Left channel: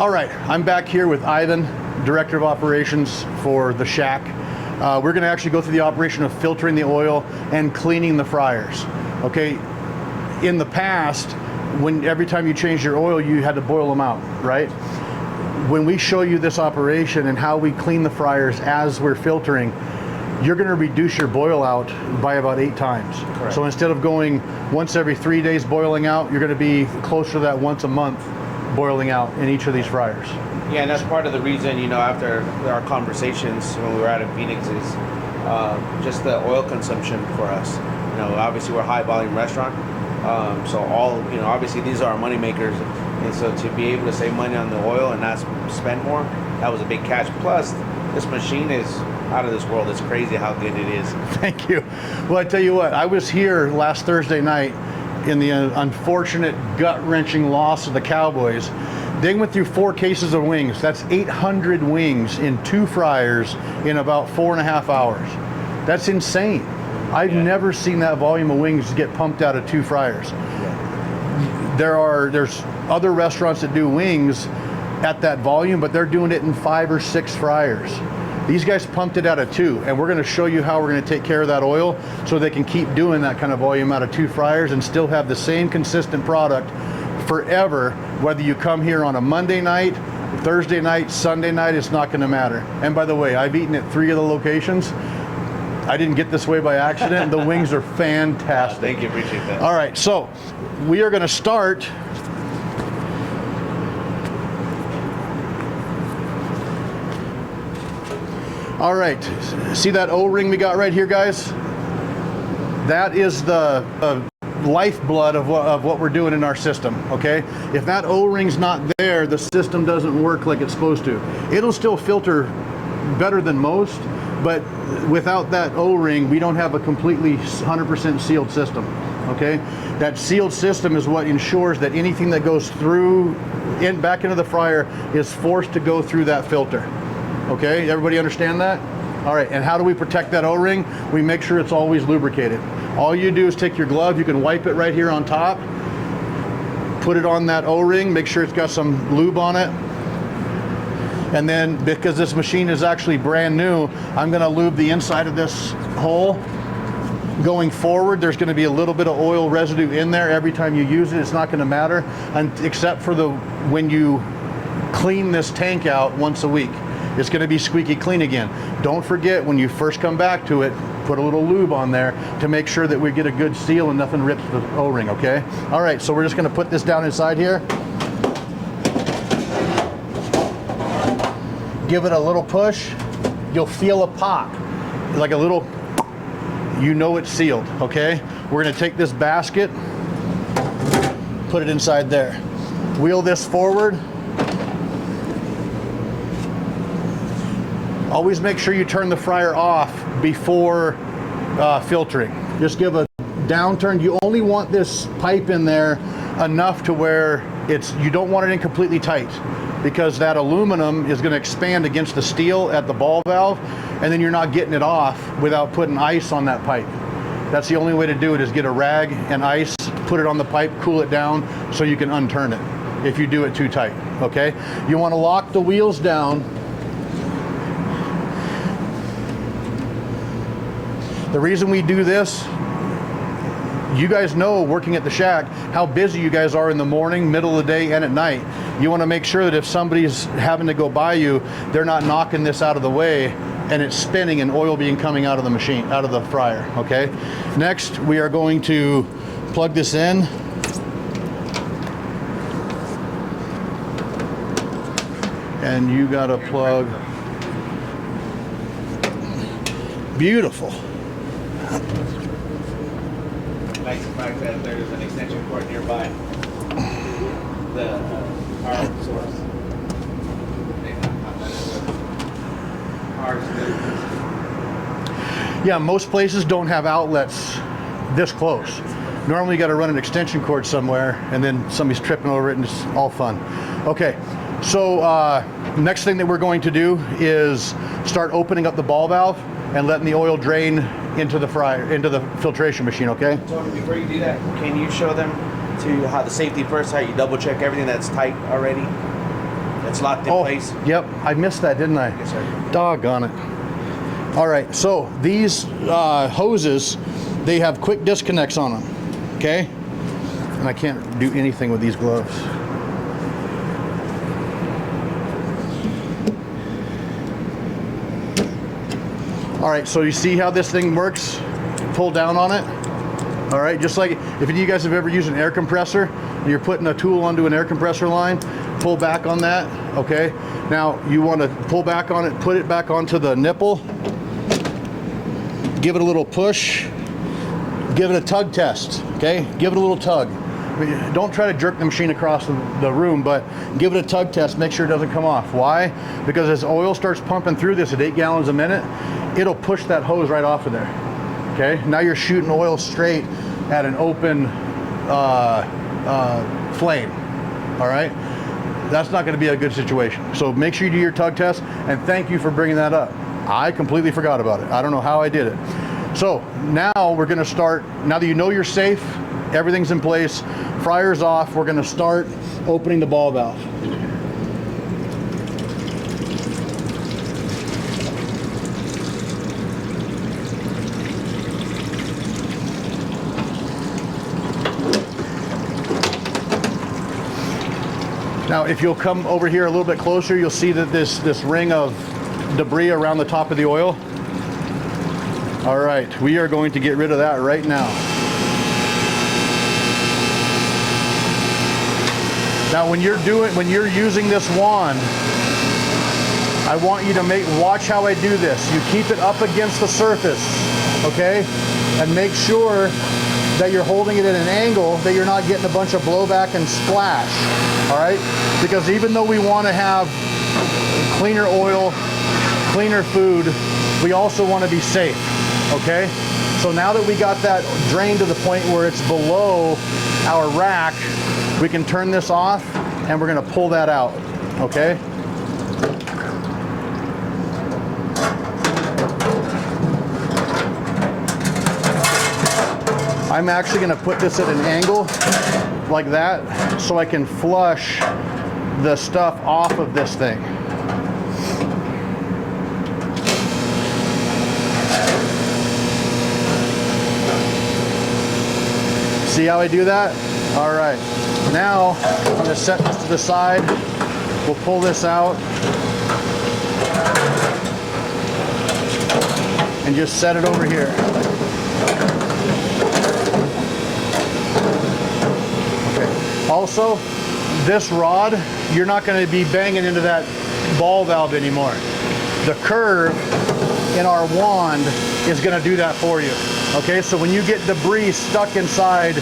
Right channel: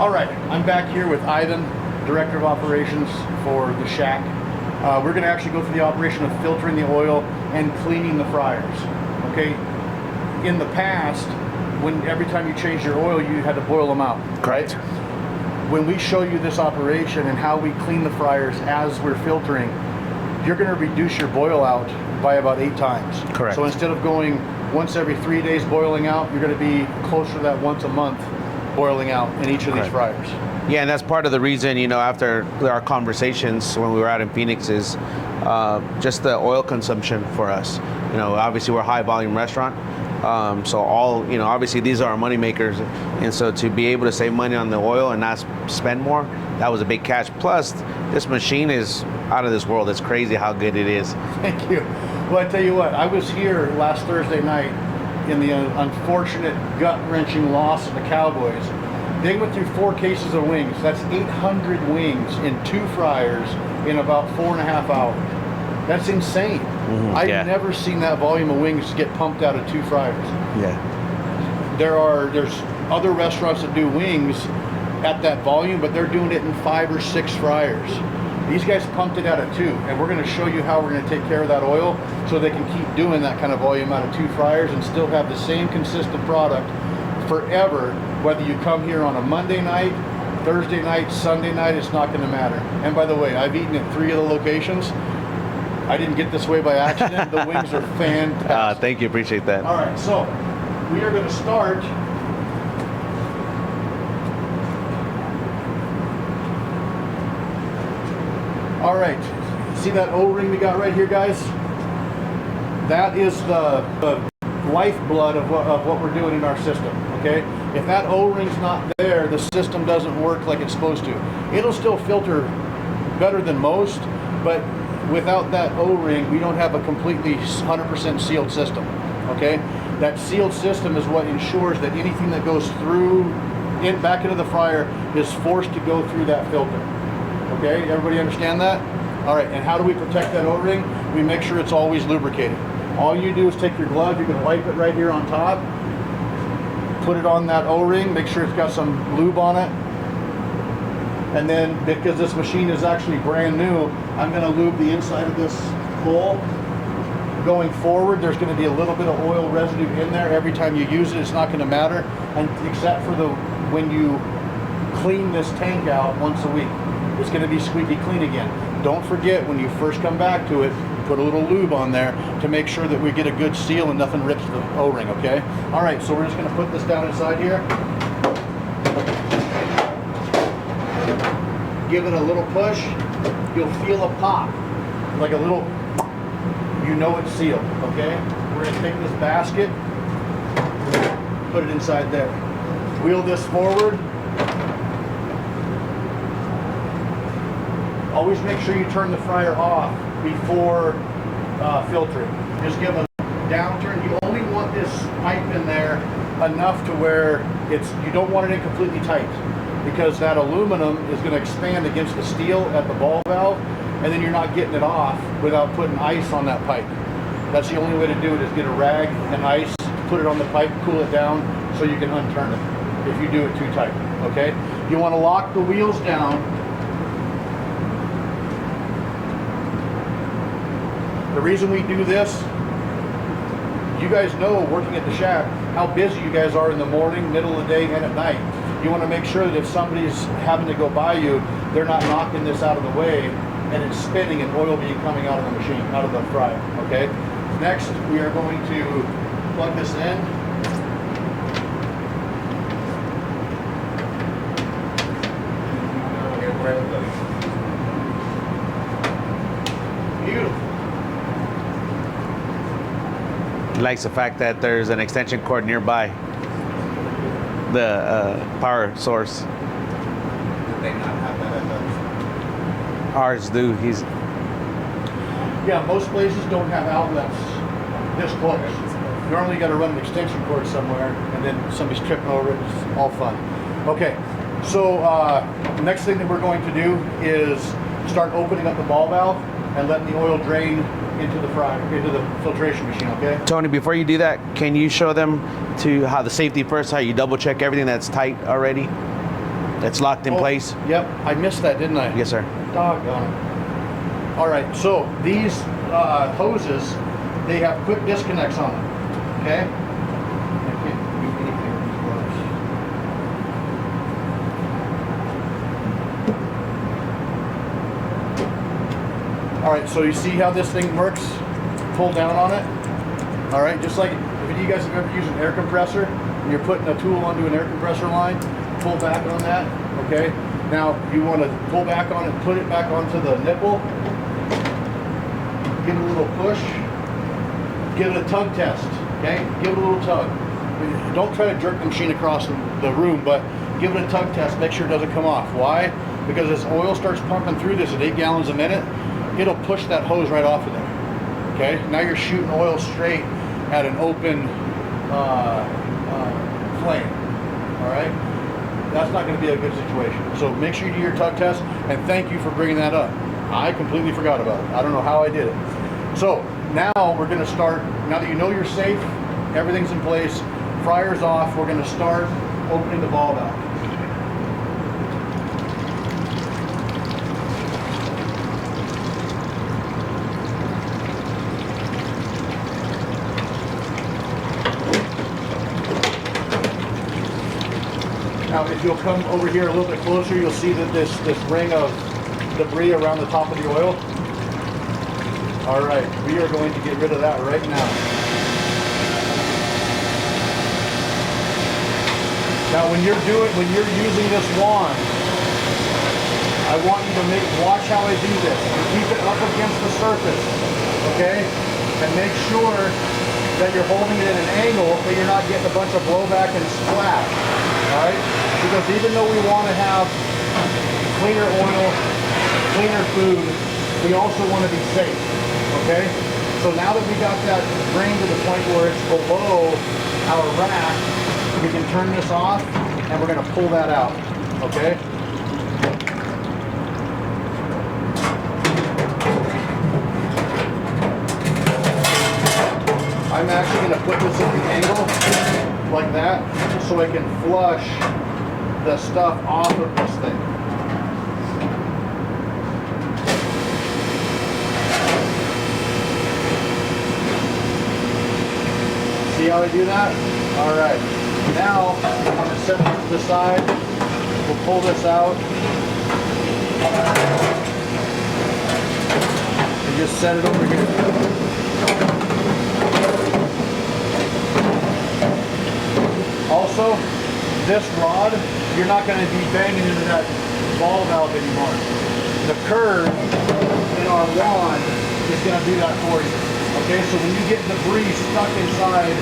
All right, I'm back here with Ivan, Director of Operations for the shack. We're going to actually go through the operation of filtering the oil and cleaning the fryers. Okay, in the past, when every time you changed your oil, you had to boil them out, right? When we show you this operation and how we clean the fryers as we're filtering, you're going to reduce your boil out by about 8 times. Correct. So instead of going once every 3 days boiling out, you're going to be closer to that once a month boiling out in each of these fryers. Yeah, and that's part of the reason, you know, after our conversations when we were out in Phoenix is just the oil consumption for us. You know, obviously we're a high volume restaurant. So all, you know, obviously these are our money makers. And so to be able to save money on the oil and not spend more, that was a big catch. Plus, this machine is out of this world. It's crazy how good it is. Thank you. Well, I tell you what, I was here last Thursday night in the unfortunate gut-wrenching loss of the Cowboys. They went through 4 cases of wings. That's 800 wings in 2 fryers in about 4.5 hours. That's insane. I've never seen that volume of wings get pumped out of 2 fryers. Yeah. There's other restaurants that do wings at that volume, but they're doing it in 5 or 6 fryers. These guys pumped it out of 2, and we're going to show you how we're going to take care of that oil so they can keep doing that kind of volume out of 2 fryers and still have the same consistent product forever, whether you come here on a Monday night, Thursday night, Sunday night, it's not going to matter. And by the way, I've eaten at 3 of the locations. I didn't get this way by accident. The wings are fantastic. Thank you, appreciate that. All right, so we are going to start. All right, see that O-ring we got right here, guys? That is the lifeblood of what we're doing in our system, okay? If that O-ring's not there, the system doesn't work like it's supposed to. It'll still filter better than most, but without that O-ring, we don't have a completely 100% sealed system, okay? That sealed system is what ensures that anything that goes through, back into the fryer is forced to go through that filter. Okay, everybody understand that? All right, and how do we protect that O-ring? We make sure it's always lubricated. All you do is take your glove, you can wipe it right here on top, put it on that O-ring, make sure it's got some lube on it. And then, because this machine is actually brand new, I'm gonna lube the inside of this hole. Going forward, there's gonna be a little bit of oil residue in there. Every time you use it, it's not gonna matter, except for when you clean this tank out once a week. It's going to be squeaky clean again. Don't forget, when you first come back to it, put a little lube on there to make sure that we get a good seal and nothing rips the O-ring, okay? All right, so we're just going to put this down inside here. Give it a little push. You'll feel a pop, like a little, you know it's sealed, okay? We're going to take this basket, put it inside there. Wheel this forward. Always make sure you turn the fryer off before filtering. Just give a downturn. You only want this pipe in there enough to where you don't want it in completely tight, because that aluminum is going to expand against the steel at the ball valve, and then you're not getting it off without putting ice on that pipe. That's the only way to do it, is get a rag and ice, put it on the pipe, cool it down so you can unturn it if you do it too tight, okay? You want to lock the wheels down. The reason we do this, you guys know, working at the shack, how busy you guys are in the morning, middle of the day, and at night. You want to make sure that if somebody's having to go by you, they're not knocking this out of the way and it's spinning and oil being coming out of the machine, out of the fryer, okay? Next, we are going to plug this in. And you got to plug. Beautiful. He likes the fact that there's an extension cord nearby the power source. They not have that as ours do. Yeah, most places don't have outlets this close. Normally you got to run an extension cord somewhere, and then somebody's tripping over it, and it's all fun. Okay, so the next thing that we're going to do is start opening up the ball valve and letting the oil drain into the fryer, into the filtration machine, okay? Tony, before you do that, can you show them to how the safety first, how you double check everything that's tight already? It's locked in place. Yep, I missed that, didn't I? Yes, sir. Doggone it. All right, so these hoses, they have quick disconnects on them, okay? And I can't do anything with these gloves. All right, so you see how this thing works? Pull down on it. All right, just like if you guys have ever used an air compressor, and you're putting a tool onto an air compressor line, pull back on that, okay? Now you want to pull back on it, put it back onto the nipple, give it a little push, give it a tug test, okay? Give it a little tug. Don't try to jerk the machine across the room, but give it a tug test, make sure it doesn't come off. Why? Because as oil starts pumping through this at 8 gallons a minute, it'll push that hose right off of there, okay? Now you're shooting oil straight at an open flame, all right? That's not gonna be a good situation. So make sure you do your tug test, and thank you for bringing that up. I completely forgot about it. I don't know how I did it. So now we're gonna start, now that you know you're safe, everything's in place, fryer's off, we're gonna start opening the ball valve. Now, if you'll come over here a little bit closer, you'll see that this ring of debris around the top of the oil. All right, we are going to get rid of that right now. Now, when you're using this wand, I want you to watch how I do this. You keep it up against the surface, okay? And make sure that you're holding it at an angle that you're not getting a bunch of blowback and splash, all right? Because even though we want to have cleaner oil, cleaner food, we also want to be safe, okay? So now that we got that drained to the point where it's below our rack, we can turn this off and we're going to pull that out, okay? I'm actually going to put this at an angle like that so I can flush the stuff off of this thing. See how I do that? All right. Now I'm going to set this to the side. We'll pull this out and just set it over here. Also, this rod, you're not going to be banging into that ball valve anymore. The curve in our wand is going to do that for you. Okay, so when you get debris stuck inside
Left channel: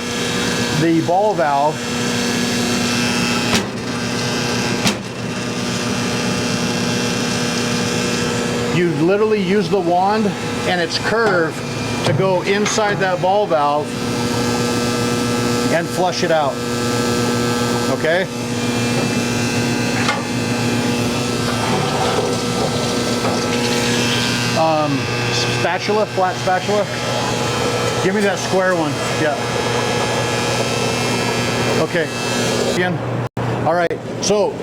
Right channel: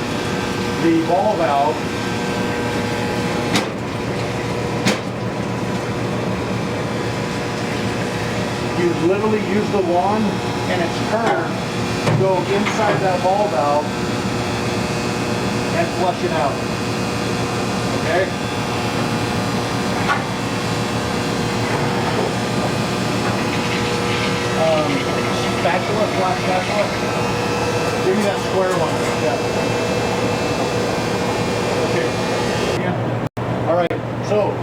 the ball valve, you literally use the wand and its curve to go inside that ball valve and flush it out. Okay? Spatula, flat spatula. Give me that square one. Yeah. Okay. Again. All right. So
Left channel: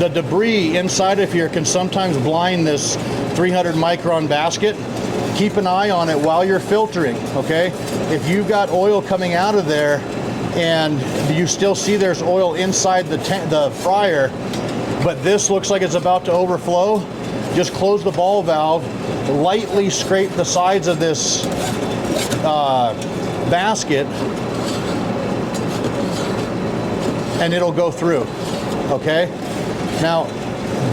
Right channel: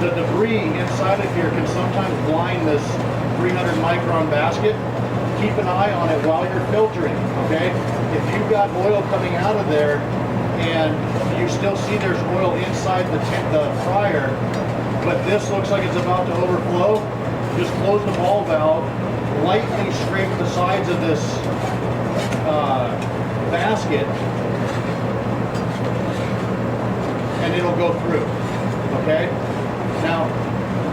the debris inside of here can sometimes blind this 300 micron basket. Keep an eye on it while you're filtering. Okay. If you've got oil coming out of there and you still see there's oil inside the fryer, but this looks like it's about to overflow, just close the ball valve, lightly scrape the sides of this basket, and it'll go through, okay? Now,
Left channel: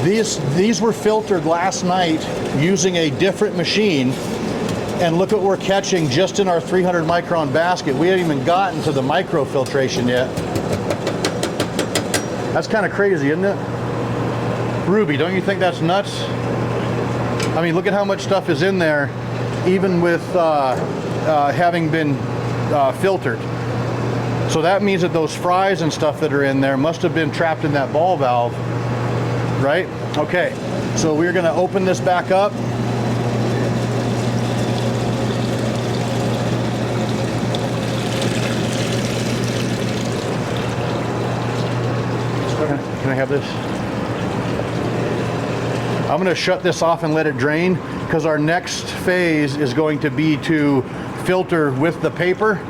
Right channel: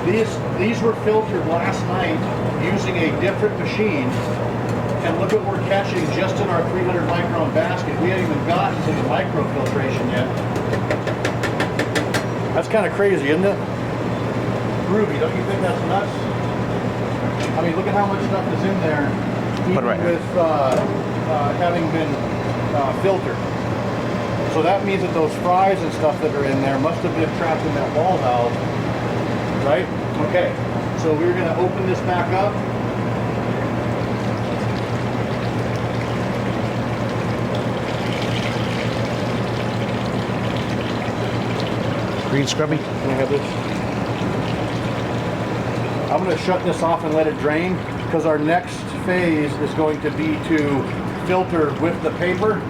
these were filtered last night using a different machine, and look at what we're catching just in our 300 micron basket. We haven't even gotten to the microfiltration yet. That's kind of crazy, isn't it? Ruby, don't you think that's nuts? I mean, look at how much stuff is in there, even with having been filtered. So that means that those fries and stuff that are in there must have been trapped in that ball valve, right? Okay, so we're gonna open this back up. great scrubbing. Can I have this? I'm going to shut this off and let it drain because our next phase is going to be to filter with the paper,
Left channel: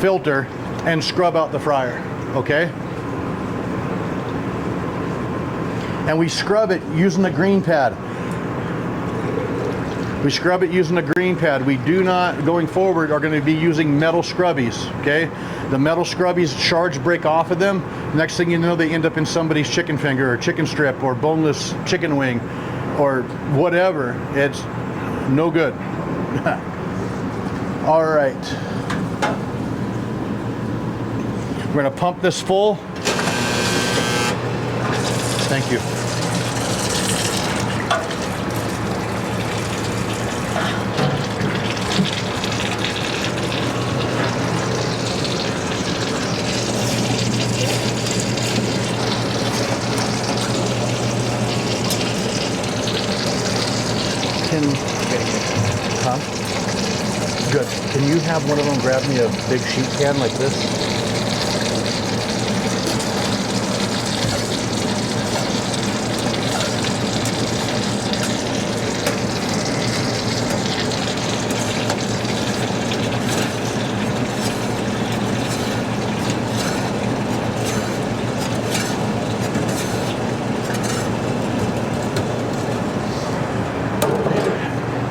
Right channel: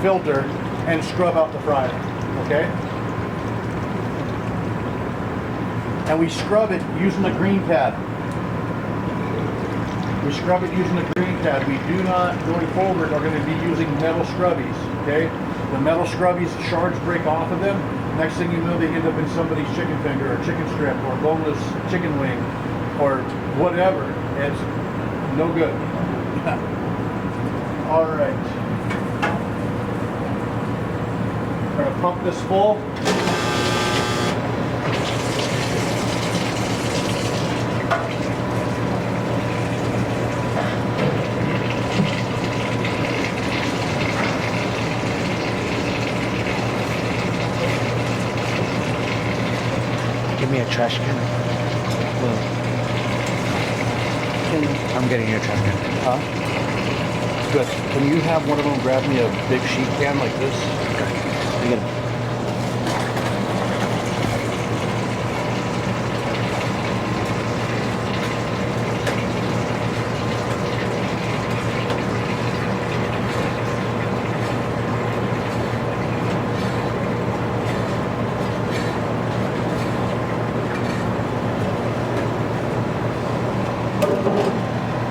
filter, and scrub out the fryer, okay? And we scrub it using the green pad. We scrub it using the green pad. We do not, going forward, are going to be using metal scrubbies, okay? The metal scrubbies, shards break off of them. Next thing you know, they end up in somebody's chicken finger or chicken strip or boneless chicken wing or whatever. It's no good. All right. We're going to pump this full. Thank you. I'm getting it. Huh? Good. Can you have one of them grab me a big sheet can like this?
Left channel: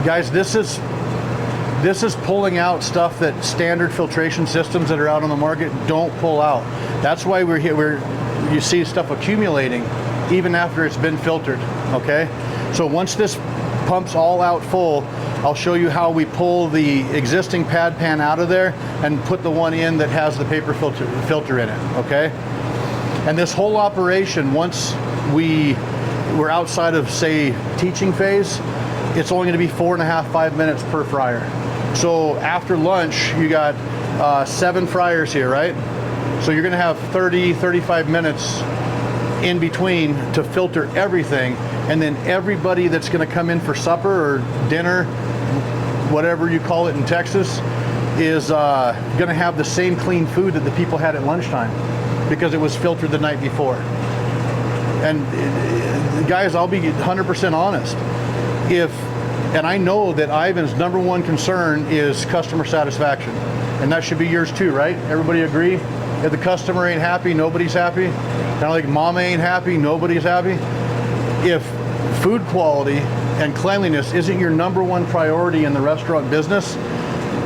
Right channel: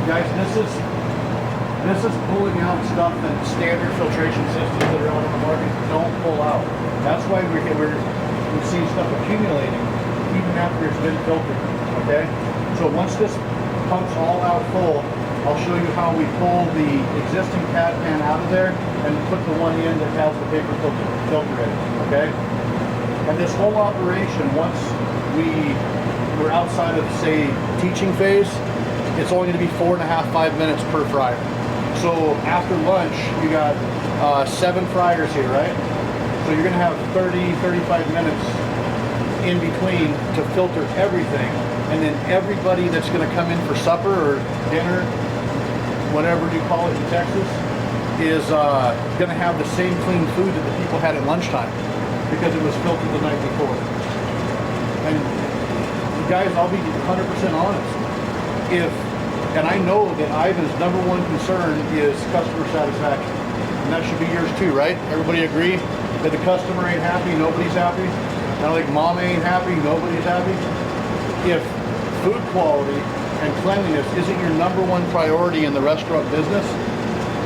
Guys, this is pulling out stuff that standard filtration systems that are out on the market don't pull out. That's why we're here. You see stuff accumulating even after it's been filtered. Okay, so once this pumps all out full, I'll show you how we pull the existing pad pan out of there and put the one in that has the paper filter in it. Okay, and this whole operation, once we're outside of, say, teaching phase, it's only going to be 4.5, 5 minutes per fryer. So after lunch, you got 7 fryers here, right? So you're going to have 30, 35 minutes in between to filter everything. And then everybody that's going to come in for supper or dinner, whatever you call it in Texas, is going to have the same clean food that the people had at lunchtime because it was filtered the night before. And guys, I'll be 100% honest. And I know that Ivan's number one concern is customer satisfaction. And that should be yours too, right? Everybody agree that the customer ain't happy, nobody's happy? Kind of like mama ain't happy, nobody's happy? If food quality and cleanliness isn't your number one priority in the restaurant business,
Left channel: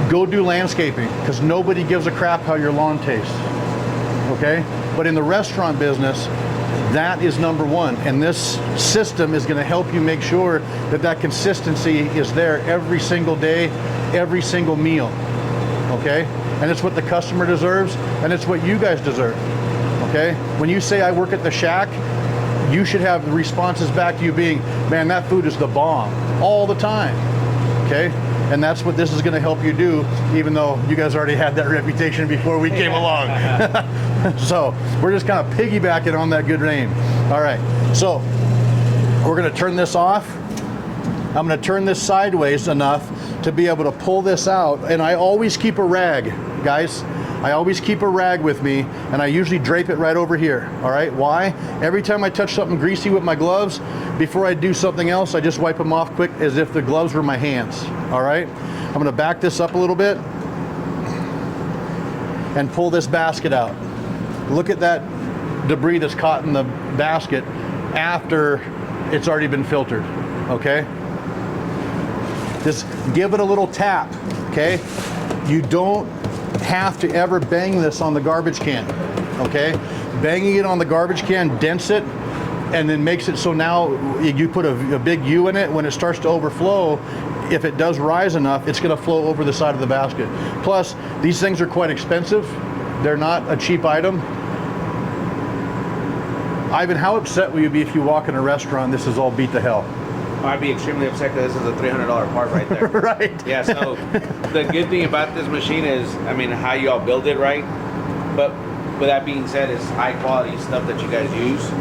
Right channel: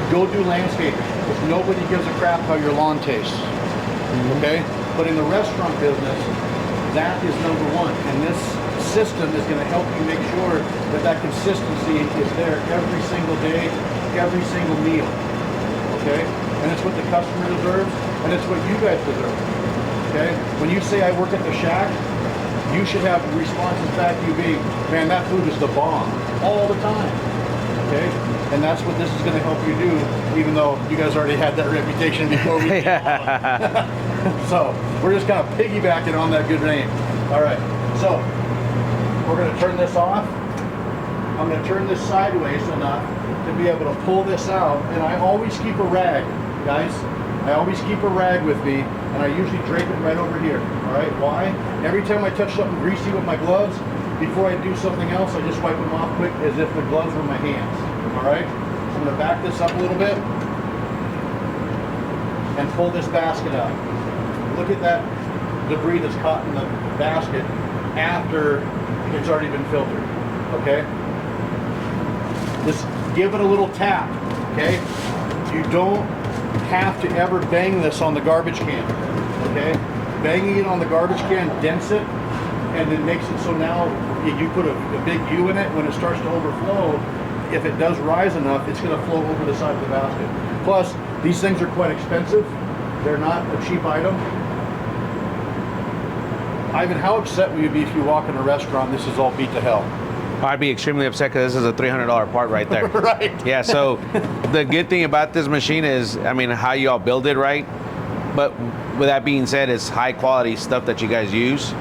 go do landscaping, because nobody gives a crap how your lawn tastes, okay? But in the restaurant business, that is number one, and this system is going to help you make sure that that consistency is there every single day, every single meal, okay? And it's what the customer deserves, and it's what you guys deserve, okay? When you say, I work at the Shack, you should have responses back to you being, man, that food is the bomb, all the time, okay? And that's what this is going to help you do, even though you guys already had that reputation before we came along. So we're just kind of piggybacking on that good name. All right, so we're going to turn this off. I'm going to turn this sideways enough to be able to pull this out. And I always keep a rag, guys. I always keep a rag with me, and I usually drape it right over here. All right, why? Every time I touch something greasy with my gloves, before I do something else, I just wipe them off quick as if the gloves were my hands. All right, I'm going to back this up a little bit and pull this basket out. Look at that debris that's caught in the basket after it's already been filtered, okay? Just give it a little tap, okay? You don't have to ever bang this on the garbage can, okay? Banging it on the garbage can dents it and then makes it so now you put a big U in it. When it starts to overflow, if it does rise enough, it's gonna flow over the side of the basket. Plus, these things are quite expensive. They're not a cheap item. Ivan, how upset will you be if you walk in a restaurant and this is all beat to hell? I'd be extremely upset because this is a $300 part right there. Right. Yeah, so the good thing about this machine is, I mean, how you all build it, right? But with that being said, it's high quality stuff that you guys use.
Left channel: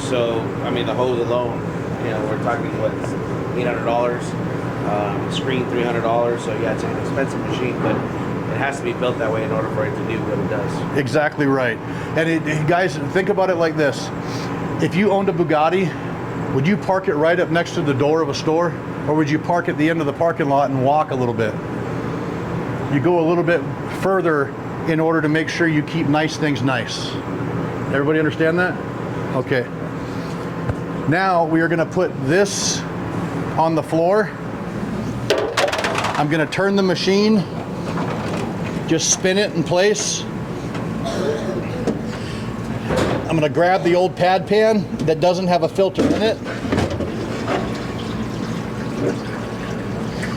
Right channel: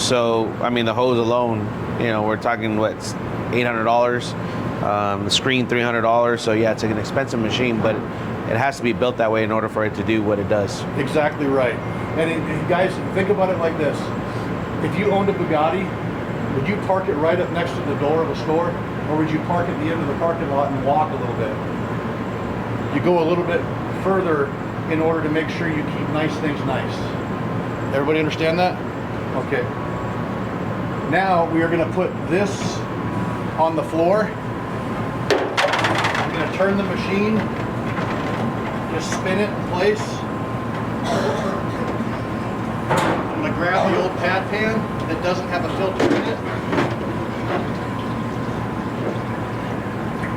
So, I mean, the hose alone, you know, we're talking, what, $800? The screen, $300. So, yeah, it's an expensive machine, but it has to be built that way in order for it to do what it does. Exactly right. And guys, think about it like this. If you owned a Bugatti, would you park it right up next to the door of a store? Or would you park at the end of the parking lot and walk a little bit? You go a little bit further in order to make sure you keep nice things nice. Everybody understand that? Okay. Now we are going to put this on the floor. I'm going to turn the machine, just spin it in place. I'm going to grab the old pad pan that doesn't have a filter in it.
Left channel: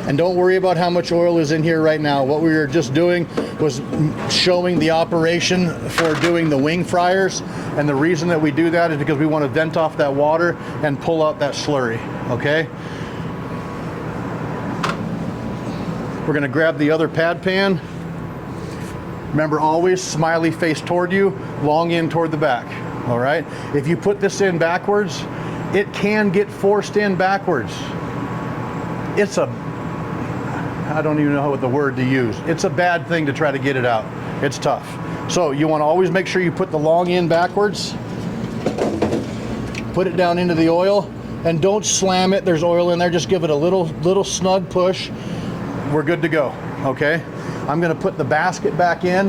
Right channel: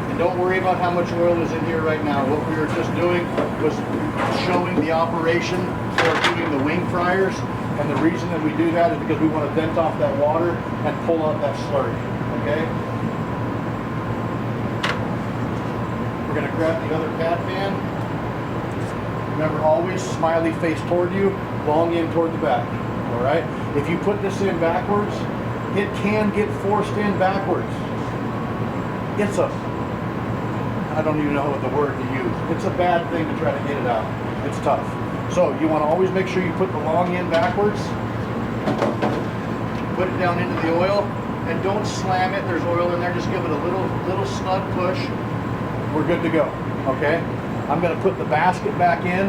And don't worry about how much oil is in here right now. What we were just doing was showing the operation for doing the wing fryers. And the reason that we do that is because we want to vent off that water and pull out that slurry, okay? We're going to grab the other pad pan. Remember, always smiley face toward you, long in toward the back, all right? If you put this in backwards, it can get forced in backwards. I don't even know what the word to use. It's a bad thing to try to get it out. It's tough. So you want to always make sure you put the long end backwards, put it down into the oil, and don't slam it. There's oil in there. Just give it a little snug push. We're good to go, okay? I'm going to put the basket back in,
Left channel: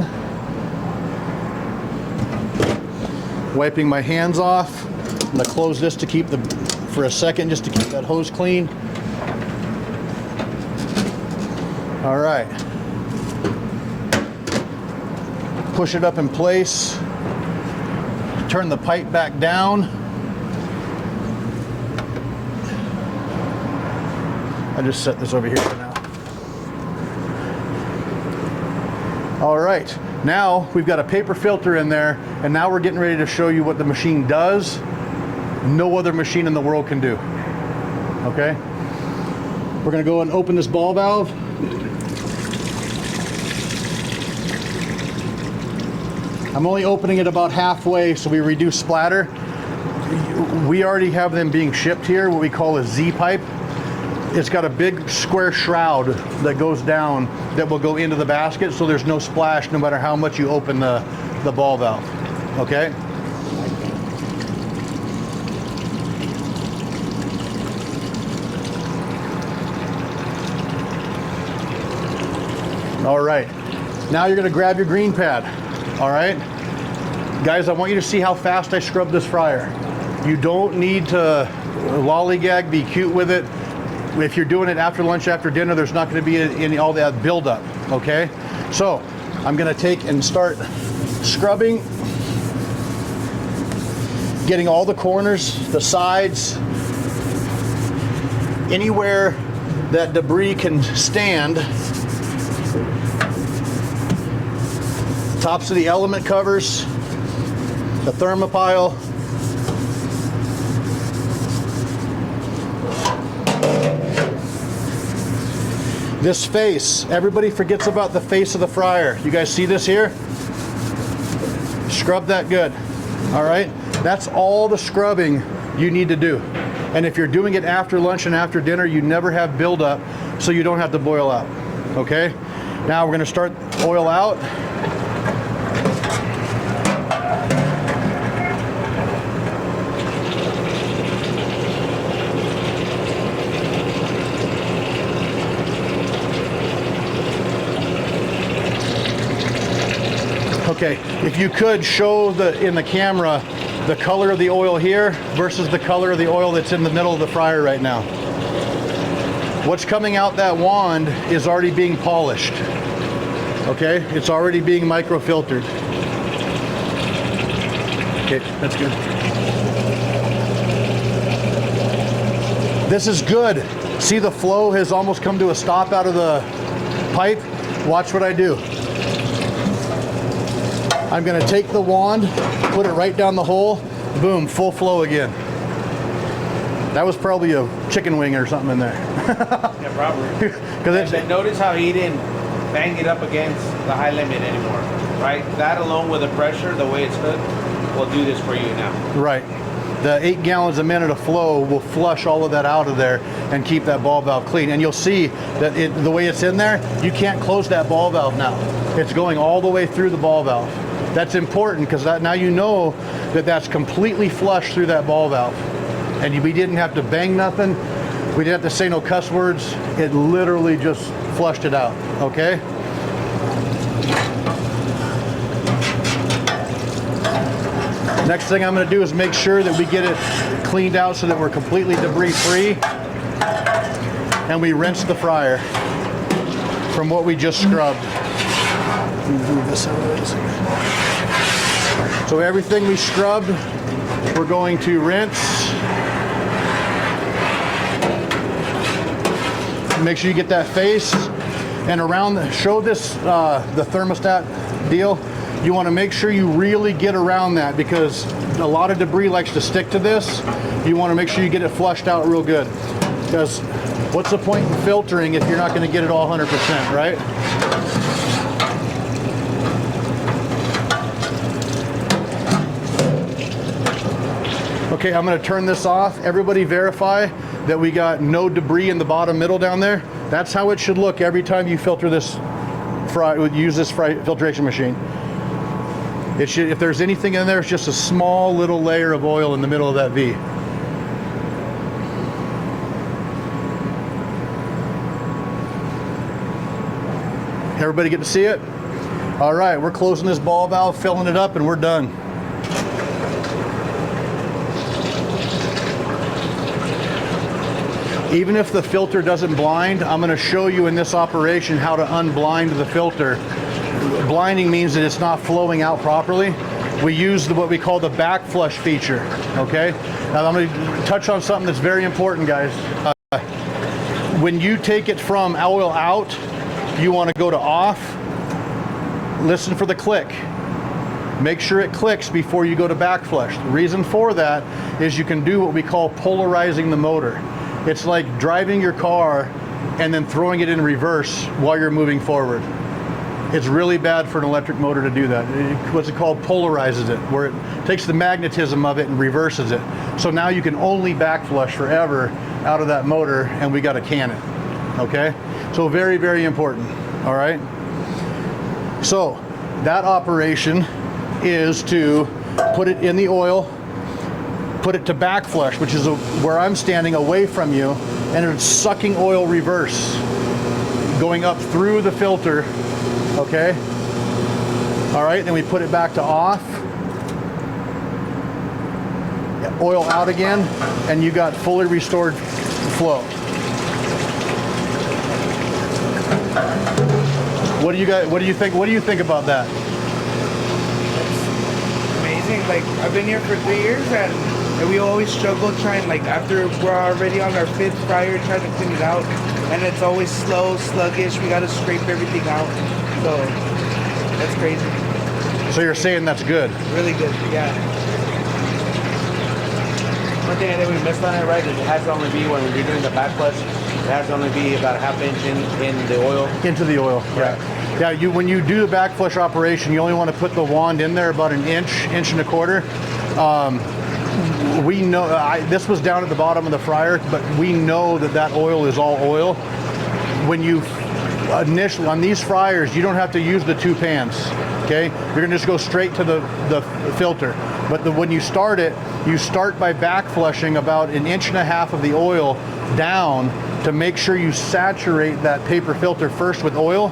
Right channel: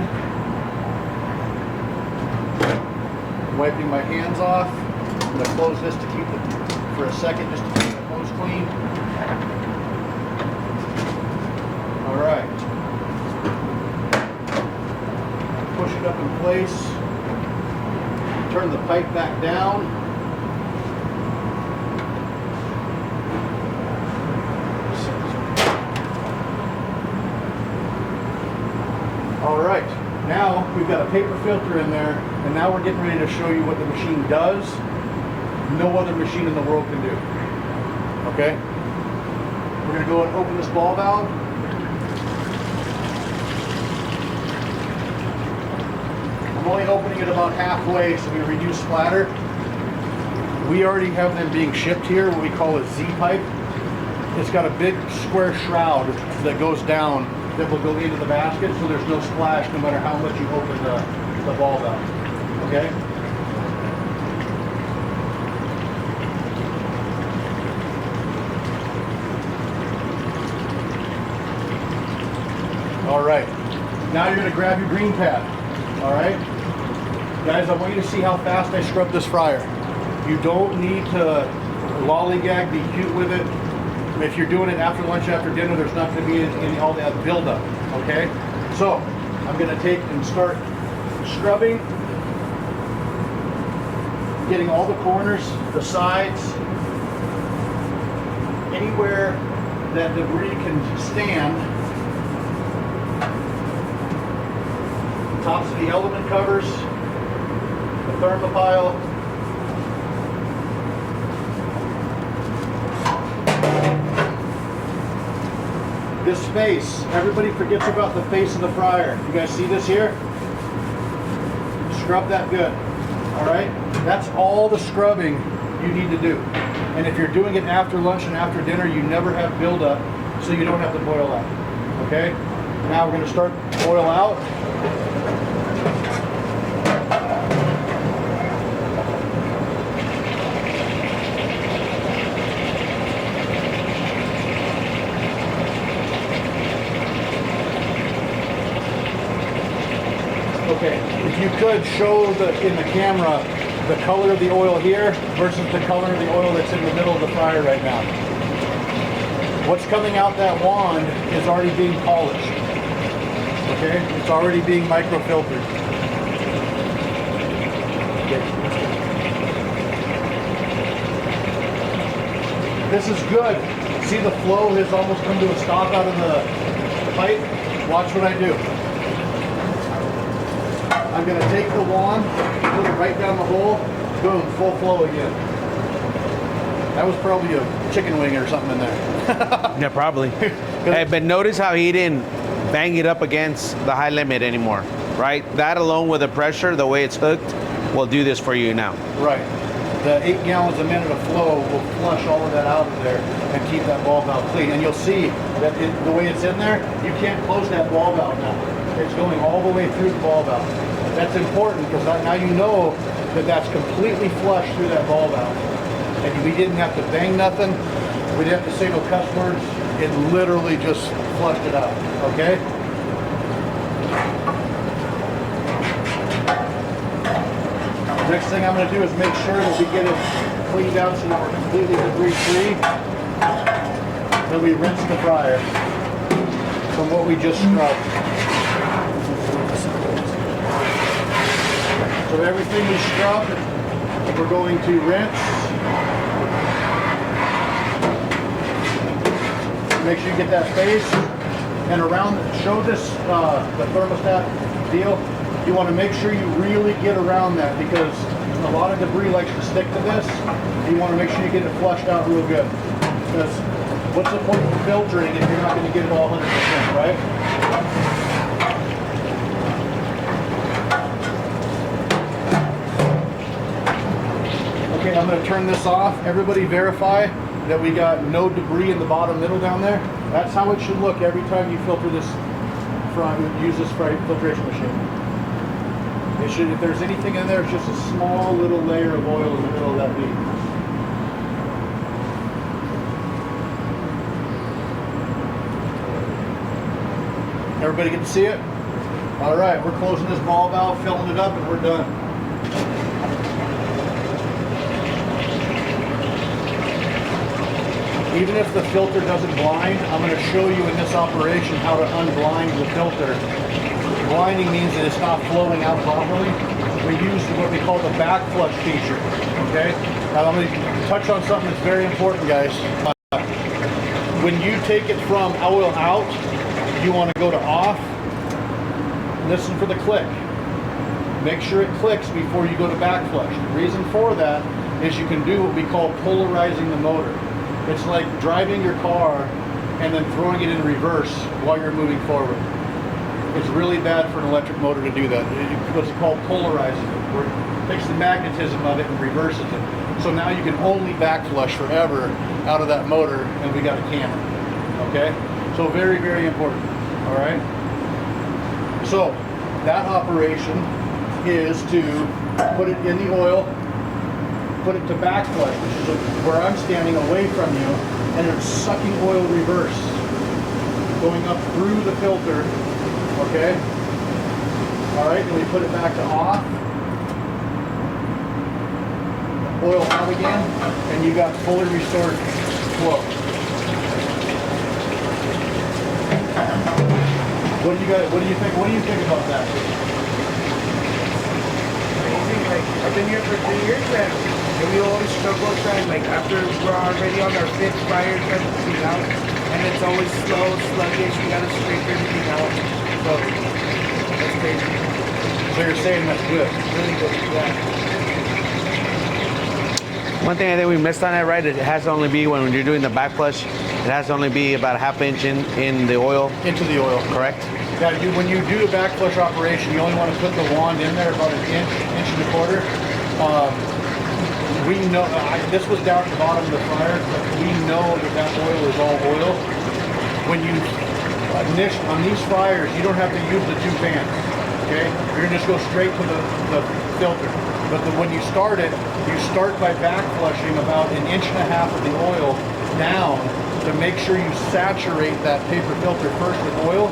wiping my hands off. I'm going to close this to keep for a second, just to keep that hose clean. All right. Push it up in place. Turn the pipe back down. I just set this over here. All right. Now we've got a paper filter in there, and now we're getting ready to show you what the machine does. No other machine in the world can do. Okay? We're going to go and open this ball valve. I'm only opening it about halfway so we reduce splatter. We already have them being shipped here, what we call a Z pipe. It's got a big square shroud that goes down that will go into the basket, so there's no splash no matter how much you open the ball valve, okay? All right, now you're gonna grab your green pad. All right, guys, I want you to see how fast I scrub this fryer. You don't need to lollygag, be cute with it. If you're doing it after lunch, after dinner, there's not going to be any all that buildup, okay? So I'm going to take and start scrubbing, getting all the corners, the sides, anywhere that debris can stand. Tops of the element covers, the thermopile. This face, everybody forgets about the face of the fryer. You guys see this here? Scrub that good. All right? That's all the scrubbing you need to do. And if you're doing it after lunch and after dinner, you never have buildup, so you don't have to boil out. Okay? Now we're going to start oil out. Okay, if you could show in the camera the color of the oil here versus the color of the oil that's in the middle of the fryer right now. What's coming out that wand is already being polished. Okay, it's already being microfiltered. Okay, that's good. This is good. See, the flow has almost come to a stop out of the pipe. Watch what I do. I'm going to take the wand, put it right down the hole, boom, full flow again. That was probably a chicken wing or something in there. Yeah, probably. But notice how he didn't bang it up against the high limit anymore, right? That alone with the pressure, the way it's hooked, will do this for you now. Right. the 8 gallons a minute of flow will flush all of that out of there and keep that ball valve clean. And you'll see that the way it's in there, you can't close that ball valve now. It's going all the way through the ball valve. That's important because now you know that that's completely flushed through that ball valve. And we didn't have to bang nothing. We didn't have to say no cuss words. It literally just flushed it out, okay? Next thing I'm going to do is make sure that we get it cleaned out so that we're completely debris free. And we rinse the fryer from what we just scrubbed. So everything we scrubbed, we're going to rinse. Make sure you get that face and around show this the thermostat deal. You want to make sure you really get around that because a lot of debris likes to stick to this. You want to make sure you get it flushed out real good because what's the point in filtering if you're not going to get it all 100%, right? Okay, I'm going to turn this off. Everybody verify that we got no debris in the bottom middle down there. That's how it should look every time you filter this, use this filtration machine. It should, if there's anything in there, it's just a small little layer of oil in the middle of that V. Everybody get to see it? All right, we're closing this ball valve, filling it up, and we're done. Even if the filter doesn't blind, I'm going to show you in this operation how to unblind the filter. Blinding means that it's not flowing out properly. We use what we call the back flush feature, okay? Now I'm going to touch on something that's very important, guys. When you take it from oil out, you want to go to off. Listen for the click. Make sure it clicks before you go to back flush. The reason for that is you can do what we call polarizing the motor. It's like driving your car and then throwing it in reverse while you're moving forward. It's really bad for an electric motor to do that. What's it called? Polarizes it, where it takes the magnetism of it and reverses it. So now you can only back flush forever out of that motor, and we got to can it. Okay? So very, very important. All right? So that operation is to put it in the oil, put it to back flush, which is where I'm standing away from you, and it's sucking oil reverse, going up through the filter. Okay? All right, then we put it back to off. Oil out again, and you got fully restored flow. What do you think about that? Amazing. Like, I've been here for 3 years and we always struggle trying, like, after we're already on our 5th fryer trying to clean it out, and it's always slow, sluggish. We gotta scrape everything out. So that's crazy. So you're saying that's good? Really good, yeah. One thing I think we missed on it, right? It has to only be when you're doing the back flush. It has to only be about a half inch in the oil. Into the oil, correct? Yeah. When you do the back flush operation, you only want to put the wand in there about an inch and a quarter. We know this was down at the bottom of the fryer, but we know that oil is all oil. When you initially on these fryers, you don't have to use the 2 pans. Okay, we're gonna just go straight to the filter. But when you start it, you start by back flushing about an inch and a half of the oil down to make sure you saturate that paper filter first with oil,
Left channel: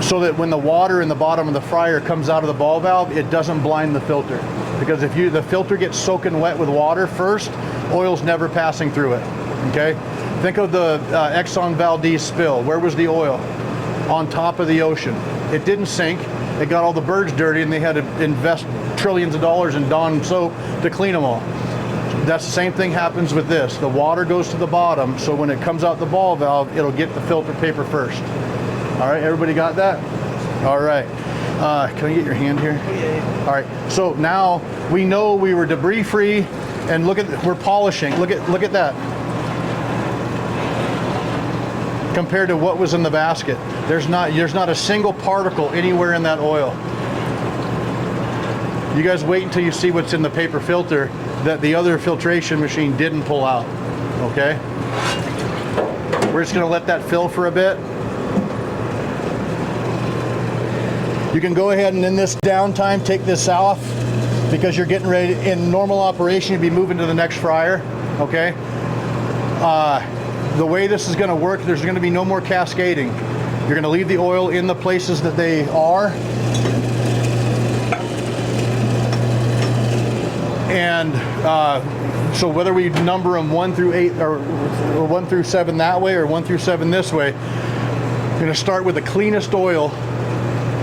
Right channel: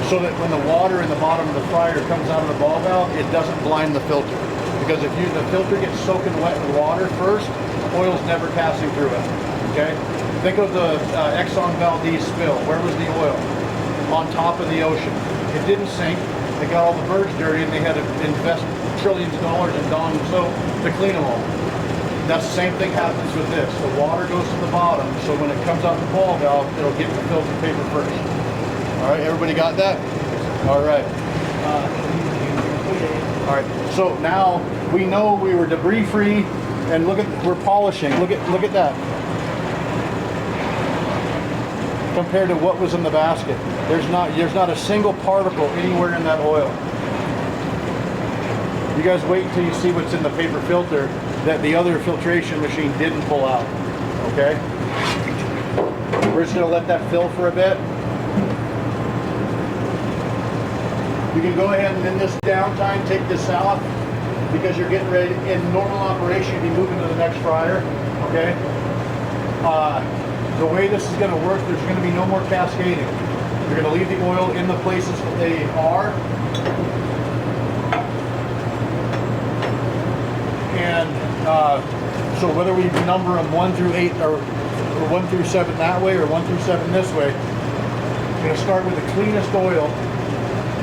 so that when the water in the bottom of the fryer comes out of the ball valve, it doesn't blind the filter. Because if the filter gets soaking wet with water first, oil's never passing through it. Okay. Think of the Exxon Valdez spill. Where was the oil? On top of the ocean. It didn't sink. It got all the birds dirty, and they had to invest trillions of dollars in Dawn soap to clean them all. That's the same thing happens with this. The water goes to the bottom, so when it comes out the ball valve, it'll get the filter paper first. All right, everybody got that? All right. Can I get your hand here? All right. So now we know we were debris free, and look at we're polishing. Look at that. Compared to what was in the basket, there's not a single particle anywhere in that oil. You guys wait until you see what's in the paper filter that the other filtration machine didn't pull out, okay? We're just gonna let that fill for a bit. You can go ahead and in this downtime, take this off because you're getting ready, in normal operation, you'd be moving to the next fryer, okay? The way this is gonna work, there's gonna be no more cascading. You're gonna leave the oil in the places that they are. And so whether we number them 1 through 8 or 1 through 7 that way or 1 through 7 this way, you're gonna start with the cleanest oil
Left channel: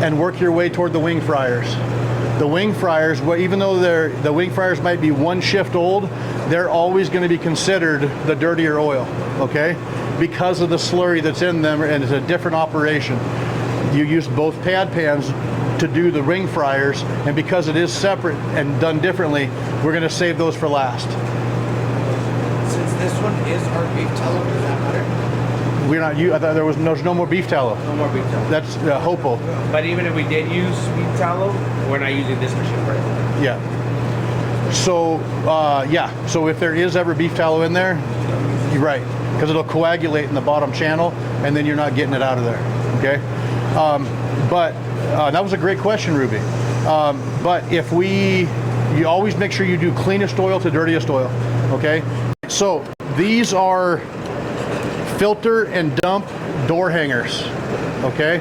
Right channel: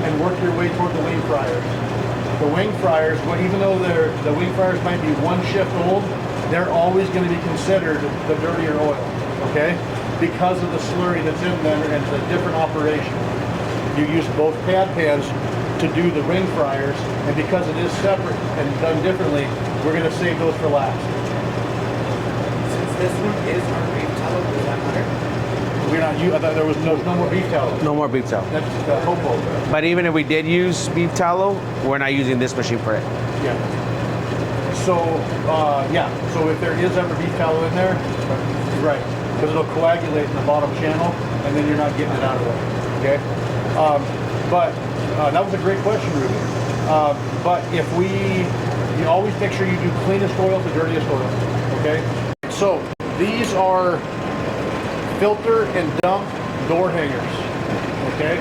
and work your way toward the wing fryers. The wing fryers, even though the wing fryers might be 1 shift old, they're always going to be considered the dirtier oil, okay? Because of the slurry that's in them, and it's a different operation. You use both pad pans to do the wing fryers, and because it is separate and done differently, we're going to save those for last. Since this one is our beef tallow, does that matter? I thought there's no more beef tallow. No more beef tallow. That's hopeful. But even if we did use beef tallow, we're not using this machine for it. Yeah. So, so if there is ever beef tallow in there, you're right, because it'll coagulate in the bottom channel, and then you're not getting it out of there, okay? But that was a great question, Ruby. But if you always make sure you do cleanest oil to dirtiest oil, okay? So these are filter and dump door hangers, okay?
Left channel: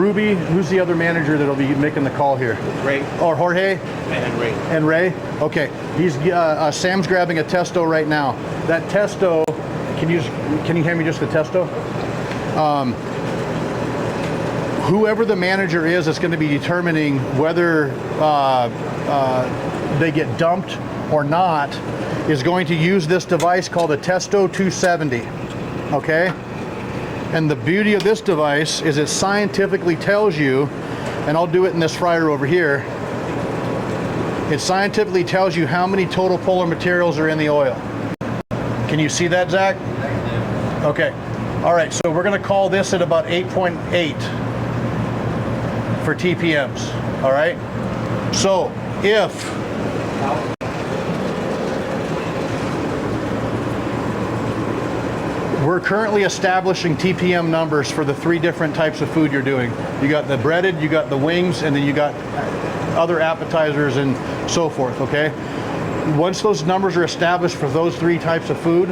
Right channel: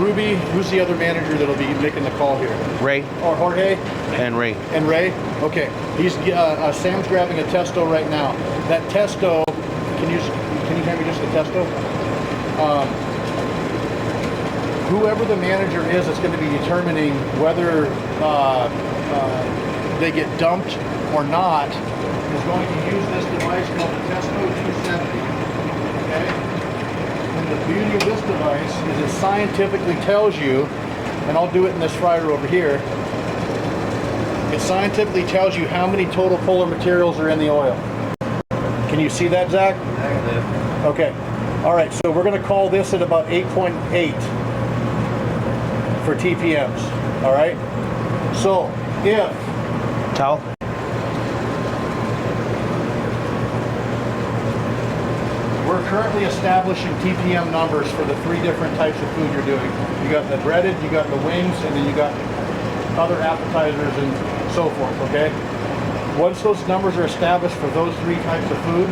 Ruby, who's the other manager that'll be making the call here? Ray. Or Jorge? And Ray. And Ray? Okay. Sam's grabbing a testo right now. That testo, can you hand me just the testo? Whoever the manager is that's going to be determining whether they get dumped or not is going to use this device called a Testo 270, okay? And the beauty of this device is it scientifically tells you, and I'll do it in this fryer over here, it scientifically tells you how many total polar materials are in the oil. Can you see that, Zach? Okay. All right, so we're going to call this at about 8.8 for TPMs, all right? So if we're currently establishing TPM numbers for the 3 different types of food you're doing. You got the breaded, you got the wings, and then you got other appetizers and so forth, okay? Once those numbers are established for those 3 types of food,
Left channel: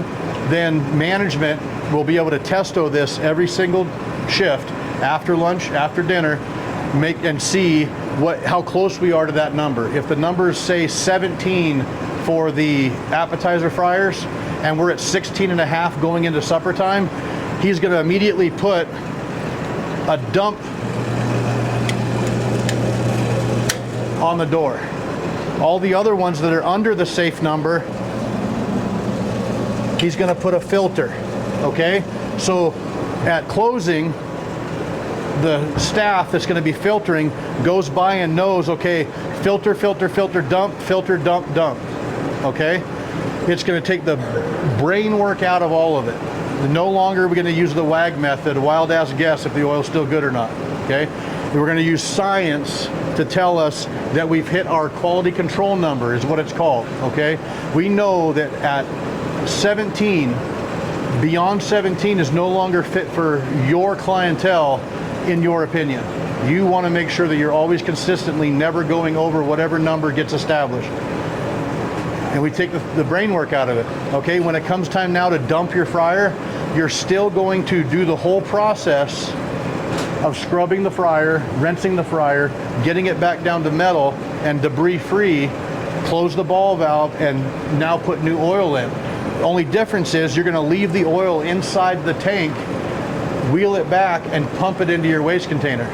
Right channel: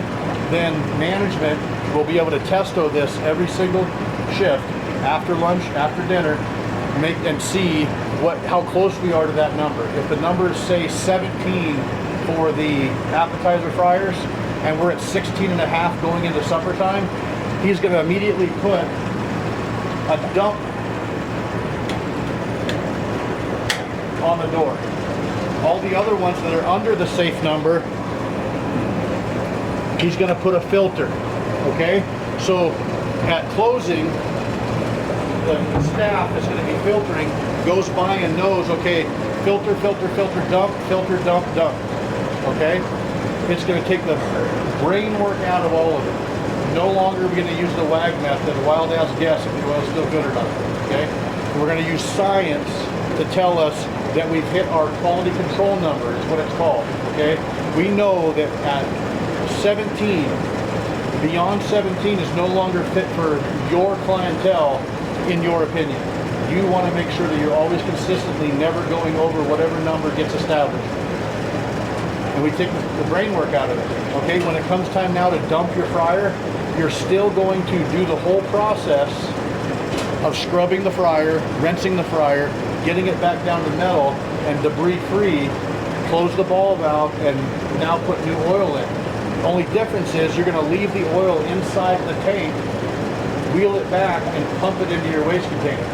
then management will be able to testo this every single shift, after lunch, after dinner, and see how close we are to that number. If the numbers say 17 for the appetizer fryers, and we're at 16 and a half going into supper time, he's going to immediately put a dump on the door. All the other ones that are under the safe number, he's going to put a filter, okay? So at closing, the staff that's going to be filtering goes by and knows, okay, filter, filter, filter, dump, dump, okay? It's going to take the brain work out of all of it. No longer are we going to use the WAG method, a wild ass guess if the oil's still good or not, okay? We're going to use science to tell us that we've hit our quality control number, is what it's called, okay? We know that at 17, beyond 17 is no longer fit for your clientele, in your opinion. You want to make sure that you're always consistently never going over whatever number gets established. And we take the brain work out of it, okay? When it comes time now to dump your fryer, you're still going to do the whole process of scrubbing the fryer, rinsing the fryer, getting it back down to metal and debris free, close the ball valve, and now put new oil in. The only difference is you're gonna leave the oil inside the tank, wheel it back, and pump it into your waste container,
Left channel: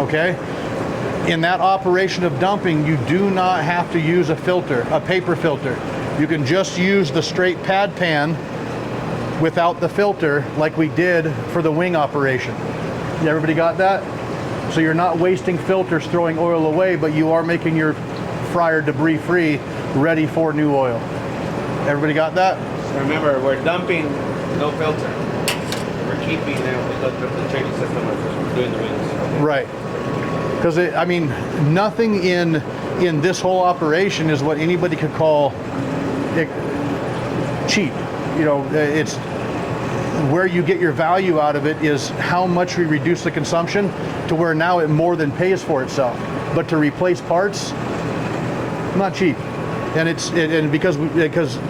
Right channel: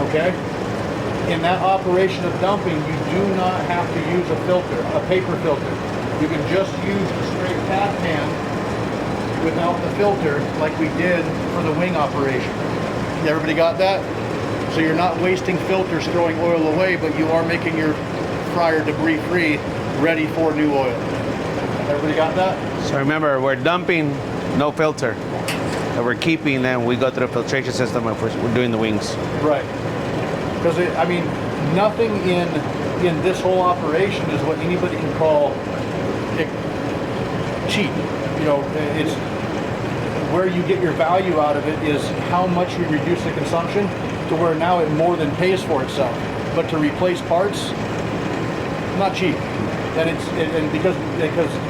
okay? In that operation of dumping, you do not have to use a filter, a paper filter. You can just use the straight pad pan without the filter like we did for the wing operation. Everybody got that? So you're not wasting filters throwing oil away, but you are making your fryer debris free, ready for new oil. Everybody got that? So remember, we're dumping, no filter. And we're keeping them, we go through the filtration system if we're doing the wings. Right. Because I mean, nothing in this whole operation is what anybody could call cheap. You know, it's where you get your value out of it is how much we reduce the consumption to where now it more than pays for itself. But to replace parts, not cheap. And and because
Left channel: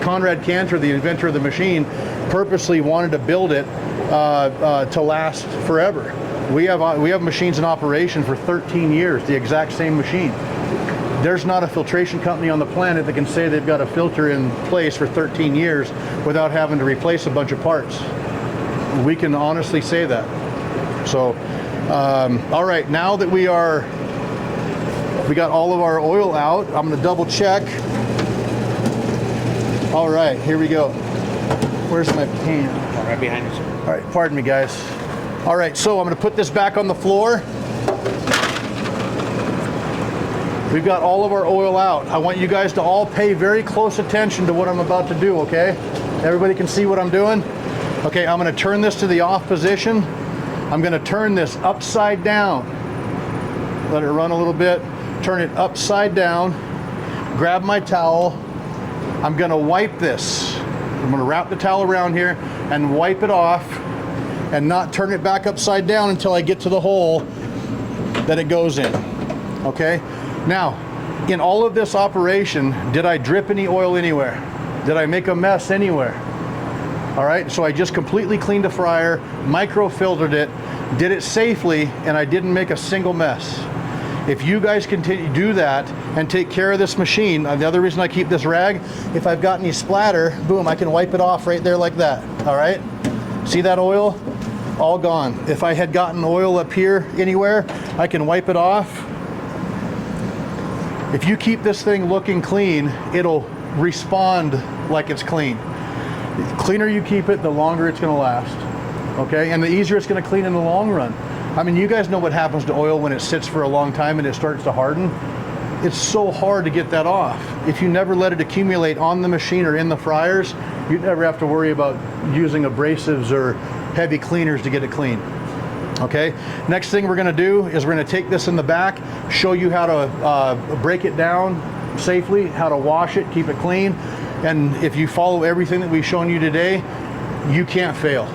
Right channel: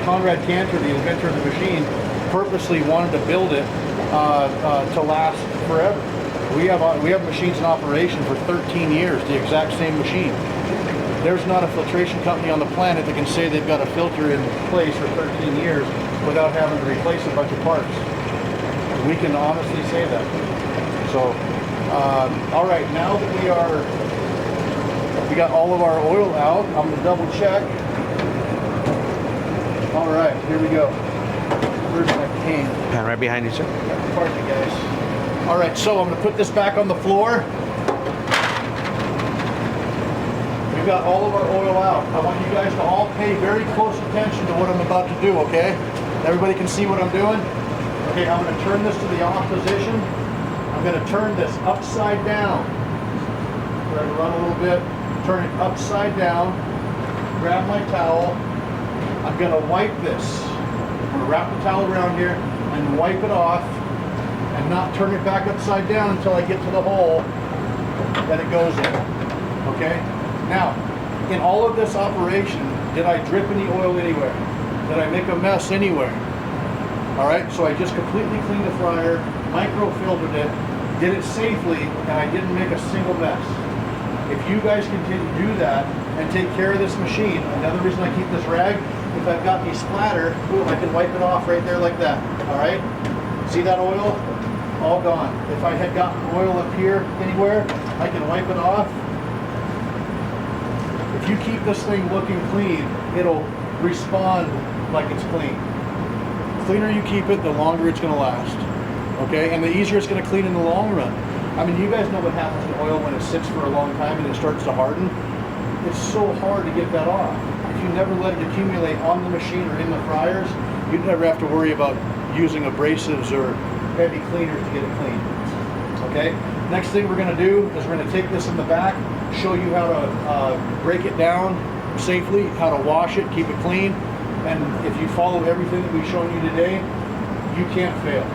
Conrad Cantor, the inventor of the machine, purposely wanted to build it to last forever. We have machines in operation for 13 years, the exact same machine. There's not a filtration company on the planet that can say they've got a filter in place for 13 years without having to replace a bunch of parts. We can honestly say that. So, all right, now that we got all of our oil out, I'm gonna double check. All right, here we go. Where's my pen? Yeah, right behind you, sir. All right, pardon me, guys. All right, so I'm gonna put this back on the floor. We've got all of our oil out. I want you guys to all pay very close attention to what I'm about to do, okay? Everybody can see what I'm doing? Okay, I'm gonna turn this to the off position. I'm gonna turn this upside down. Let it run a little bit. Turn it upside down. Grab my towel. I'm gonna wipe this. I'm gonna wrap the towel around here and wipe it off and not turn it back upside down until I get to the hole that it goes in, okay? Now, in all of this operation, did I drip any oil anywhere? Did I make a mess anywhere? All right, so I just completely cleaned the fryer, micro-filtered it, did it safely, and I didn't make a single mess. If you guys continue to do that and take care of this machine, the other reason I keep this rag, if I've got any splatter, boom, I can wipe it off right there like that, all right? See that oil? All gone. If I had gotten oil up here anywhere, I can wipe it off. If you keep this thing looking clean, it'll respond like it's clean. The cleaner you keep it, the longer it's gonna last, okay? And the easier it's gonna clean in the long run. I mean, you guys know what happens to oil when it sits for a long time and it starts to harden. It's so hard to get that off. If you never let it accumulate on the machine or in the fryers, you'd never have to worry about using abrasives or heavy cleaners to get it clean. Okay, next thing we're gonna do is we're gonna take this in the back, show you how to break it down safely, how to wash it, keep it clean, and if you follow everything that we've shown you today, you can't fail.